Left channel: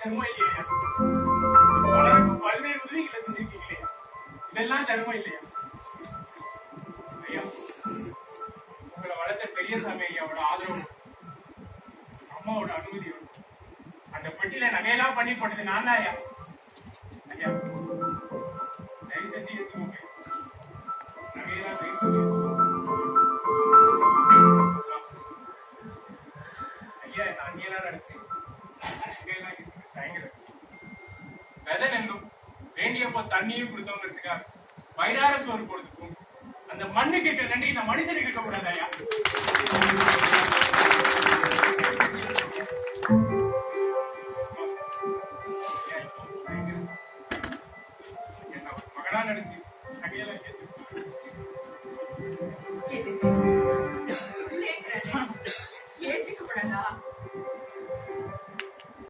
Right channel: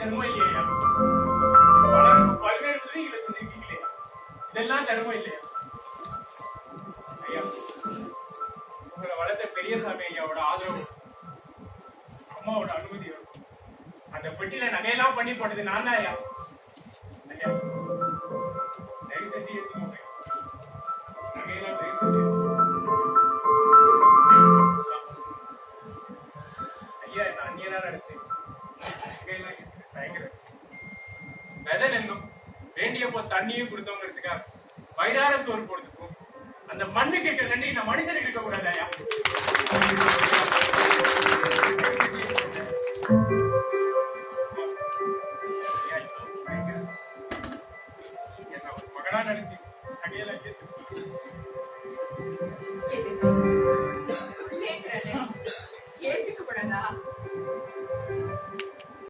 தர்மம் இல்லையா? பலருக்கும் பல்வேறு உதவிகளை செஞ்சிருக்கீங்களே, இதெல்லாம் தர்மம் இல்லையா? ஐயா, உங்களை வளர்த்த பெரியசாமி ஐயாவோட ஆதரவு, அம்மாவோட அனுமதியோட அந்த பெட்டியில நகையெல்லாம் பண்ணி போட்டது நான் தான் ஐயா. ஐயா, தயவு செஞ்சு எடுத்துக்கோங்க. நகையெல்லாம் தயவு செஞ்சு ஐயா, என்ன அந்நியெல்லாம் நினைச்சு தயங்குறேன். வெதல் என்னும் வேண்டியப்போ தண்ணியும் கொடுத்தவங்கிறதுக்காக வயிறார சோறு போடுறதுக்கும் அந்த மண்ணுக்கு இருக்கிற நன்றி இந்த மனுஷனுக்கு இருக்க கூடாது ஐயா.